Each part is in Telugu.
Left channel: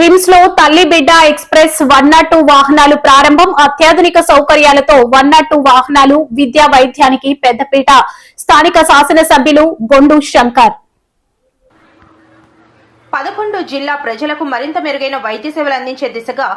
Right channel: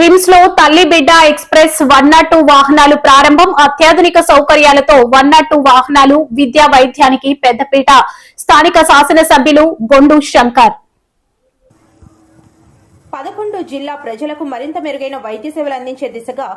రిమ్స్ లో తల్లి బిడ్డ ఎక్స్ప్రెస్ 102 వాహనాలు ప్రారంభం. అత్యాధునిక సౌకర్యాలతో 102 వాహనాలు. విద్యా వైద్యానికి పెద్దపీట. స్థానిక శాసనసభ్యులు గొండు శంకర్. 11 జిల్లా ప్రజలకు మరింత మెరుగైన వైద్య సేవలు అందించే దిశగా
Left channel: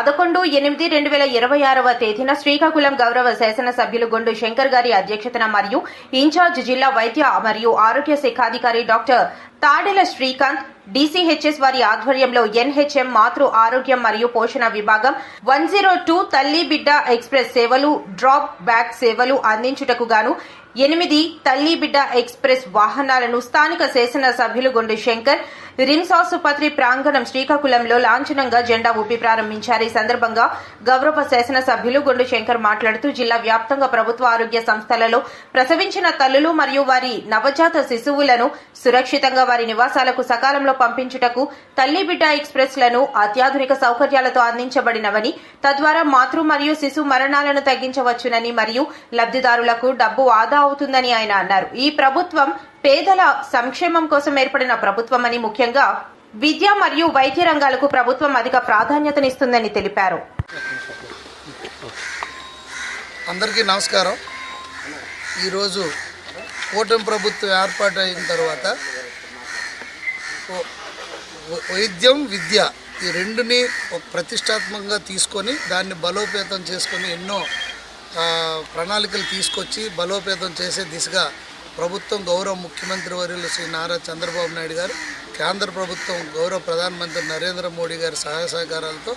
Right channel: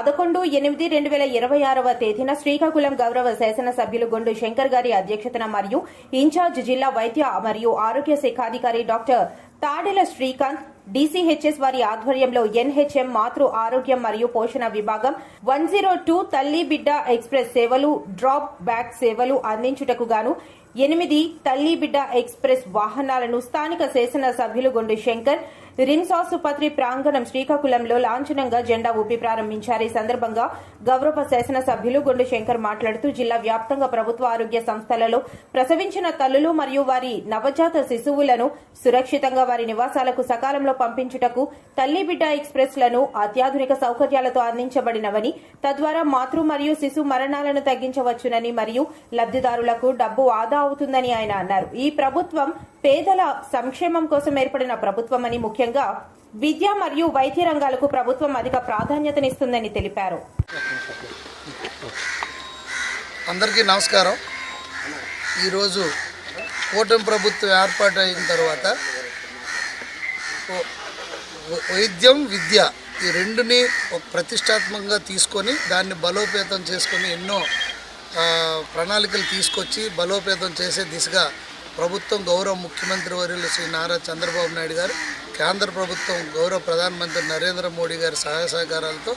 11/8/2026 తేదీన శ్రీకాకుళం గౌరవ శాసనసభ్యులు గొండు శంకర్ గారి అధ్యక్షతన మరియు ఇన్ఛార్జ్ జిల్లా వైద్య మరియు ఆరోగ్య శాఖాధికారి డాక్టర్ తాడెల శ్రీకాంత్ DCHS వారి ఆధ్వర్యంలో NHM మాతృ ఆరోగ్యం మరియు పోషణ విభాగం 102 తల్లి బిడ్డ ఎక్స్ప్రెస్ సేవలు, డ్రాప్ బ్యాక్ సేవలు అందించుటకు గాను 8 తల్లి బిడ్డ ఎక్స్ప్రెస్ వాహనాలను స్థానిక శాసన సభ్యులు గొండు శంకర్ రిమ్స్ ఆసుపత్రి ప్రాంగణం శ్రీకాకుళంలో లాంఛనంగా జెండా ఊపి ప్రారంభించారు. ఈ సందర్భంగా గౌరవ శాసన సభ్యులు గొండు శంకర్ మాట్లాడుతూ జిల్లా వ్యాప్తంగా ప్రభుత్వ ఆరోగ్య సంస్థలలో ప్రసవించిన తల్లులు మరియు వారి నవజాత శిశువులను సురక్షితంగా వారి నివాసాలకు సకాలంలో పంపించుటకు తల్లి బిడ్డ ఎక్స్ప్రెస్ లను అత్యాధునిక సౌకర్యాలతో అందించబడినవని, తద్వారా మాతృ మరియు శిశు మరణాలను తగ్గించవచ్చునని మరియు లబ్ధిదారులకు డబ్బు ఆదా అవుతుందని ఆయన అన్నారు. ఈ ప్రభుత్వం పేదల సంక్షేమం కోసం ఏర్పడిన ప్రభుత్వమని, ముఖ్యంగా విద్య మరియు వైద్య రంగాలకు ప్రభుత్వం అధిక ప్రాధాన్యతనిస్తుందని తెలిపారు. అందరికీ నమస్కారం. ఈరోజు కూటమి ప్రభుత్వం ఏర్పాటు అయిన తర్వాత వైద్యం, విద్య ఈ రెండుని ప్రతిష్టాత్మకంగా తీసుకొని దాన్ని బలోపేతం చేసుకొని ఎన్నో ప్రణాళికలు తీసుకొచ్చి బలోపేతం చేసే దిశగా ప్రభుత్వం గౌరవ ముఖ్యమంత్రి వర్యులు శ్రీ నారా చంద్రబాబు నాయుడు గారు, కేంద్ర ప్రభుత్వం గౌరవ ప్రధానమంత్రి నరేంద్ర మోడీ గారి సహాయ సహకారాలతో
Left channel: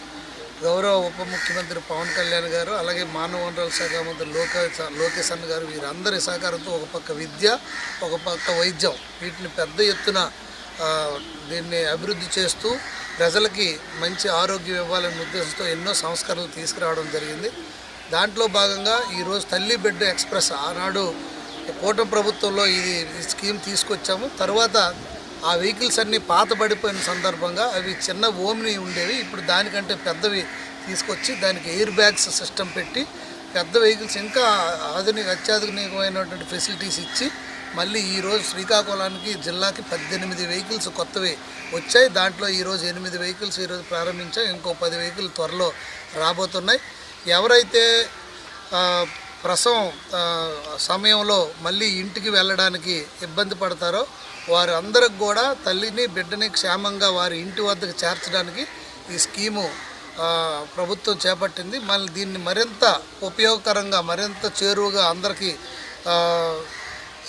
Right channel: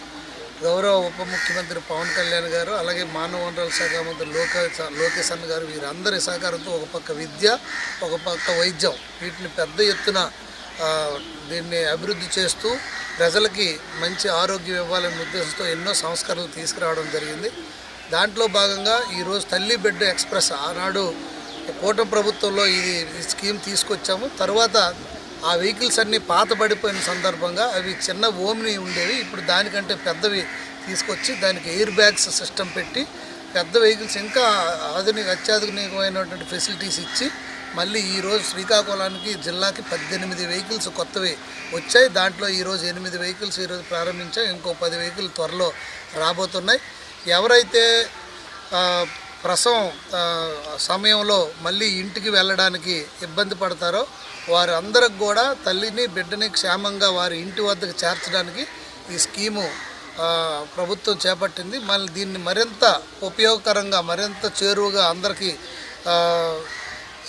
గౌరవ ఉప ముఖ్యమంత్రి పవన్ కళ్యాణ్ గారు, అలాగే మానవ వనరుల శాఖ మంత్రి లోకేష్ అన్న గారు వీరందరి సహకారంతో ఒక పక్క విద్య, ఒక పక్క వైద్యం వీటిని పెద్ద ఎత్తున దీన్ని అభివృద్ధి చేస్తూ ప్రజలకి మంచి ఆరోగ్యం ఇవ్వాలనే ఉద్దేశంతో ఎన్నో సంస్కరణలు తీసుకురావడం జరిగింది. దాంట్లో భాగంగా ఈరోజు తల్లి బిడ్డ ఎక్స్ప్రెస్ ఆనాడు కూటమి ప్రభుత్వంలో ఈ స్కీమ్ తీసుకొచ్చాము. తర్వాత ఆ వెహికల్స్ అన్నీ పాతబడిపోయిన సందర్భంగా అవి చిన్న ఓమ్ని ఉండేవి. ఇప్పుడు దానికంటే పెద్దవి తీసుకొచ్చి దానికి ఎయిర్ బ్యాగ్స్ సిస్టమ్ పెట్టి పెద్ద వెహికల్స్ ఇంకా అత్యాధునికమైనటువంటి ఫెసిలిటీస్ ఇచ్చి మళ్ళీ ఈరోజు శ్రీకాకుళానికి జిల్లాకి 18 వెహికల్స్ కొత్తవి వచ్చాయి. దాంట్లో ఈరోజు 8 వెహికల్స్ ఈరోజు ప్రారంభించాం. ఇంకో 10 వెహికల్ త్వరలో రాబోతున్నాయి. ఎవరైతే ప్రసవం సమయంలో మళ్ళీ ఇంటికి వెళ్ళడానికి ఇబ్బంది పడతారో వారు అందరికి కూడా తల్లిని బిడ్డని క్షేమంగా వారి ఇంటి వద్దకు చేర్చడానికి ఈ స్కీము ప్రభుత్వం చేపట్టింది. మళ్ళీ దీన్ని మరింత ఉపయోగకరంగా, మరింత చేరువుగా అందరికీ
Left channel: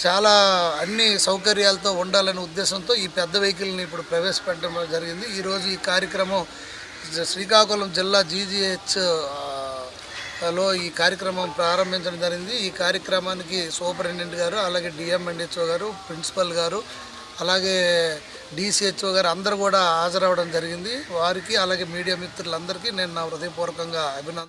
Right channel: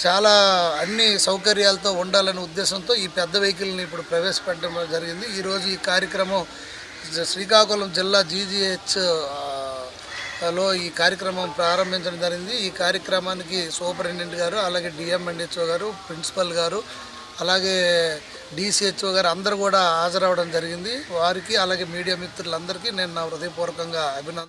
చాలా అన్ని సౌకర్యాలతో ఉండాలనే ఉద్దేశంతో ఈ పెద్ద వెహికల్ని ఇప్పుడు ప్రవేశపెట్టడం జరిగింది. ఈరోజు ఈ కార్యక్రమం శ్రీకాకుళం జిల్లా GGH లో ఈ కార్యక్రమం ప్రారంభించడం జరిగింది. ఈ కార్యక్రమానికి సూపరింటెండెంట్ గారు, అలాగే DMHO గారు, ప్రిన్సిపల్ గారు, అలాగే DCHO గారు అందరూ కూడా హాజరవడం జరిగింది. వారికి అలాగే మీడియా మిత్రులందరికీ నేను నా హృదయపూర్వకంగా అభినందన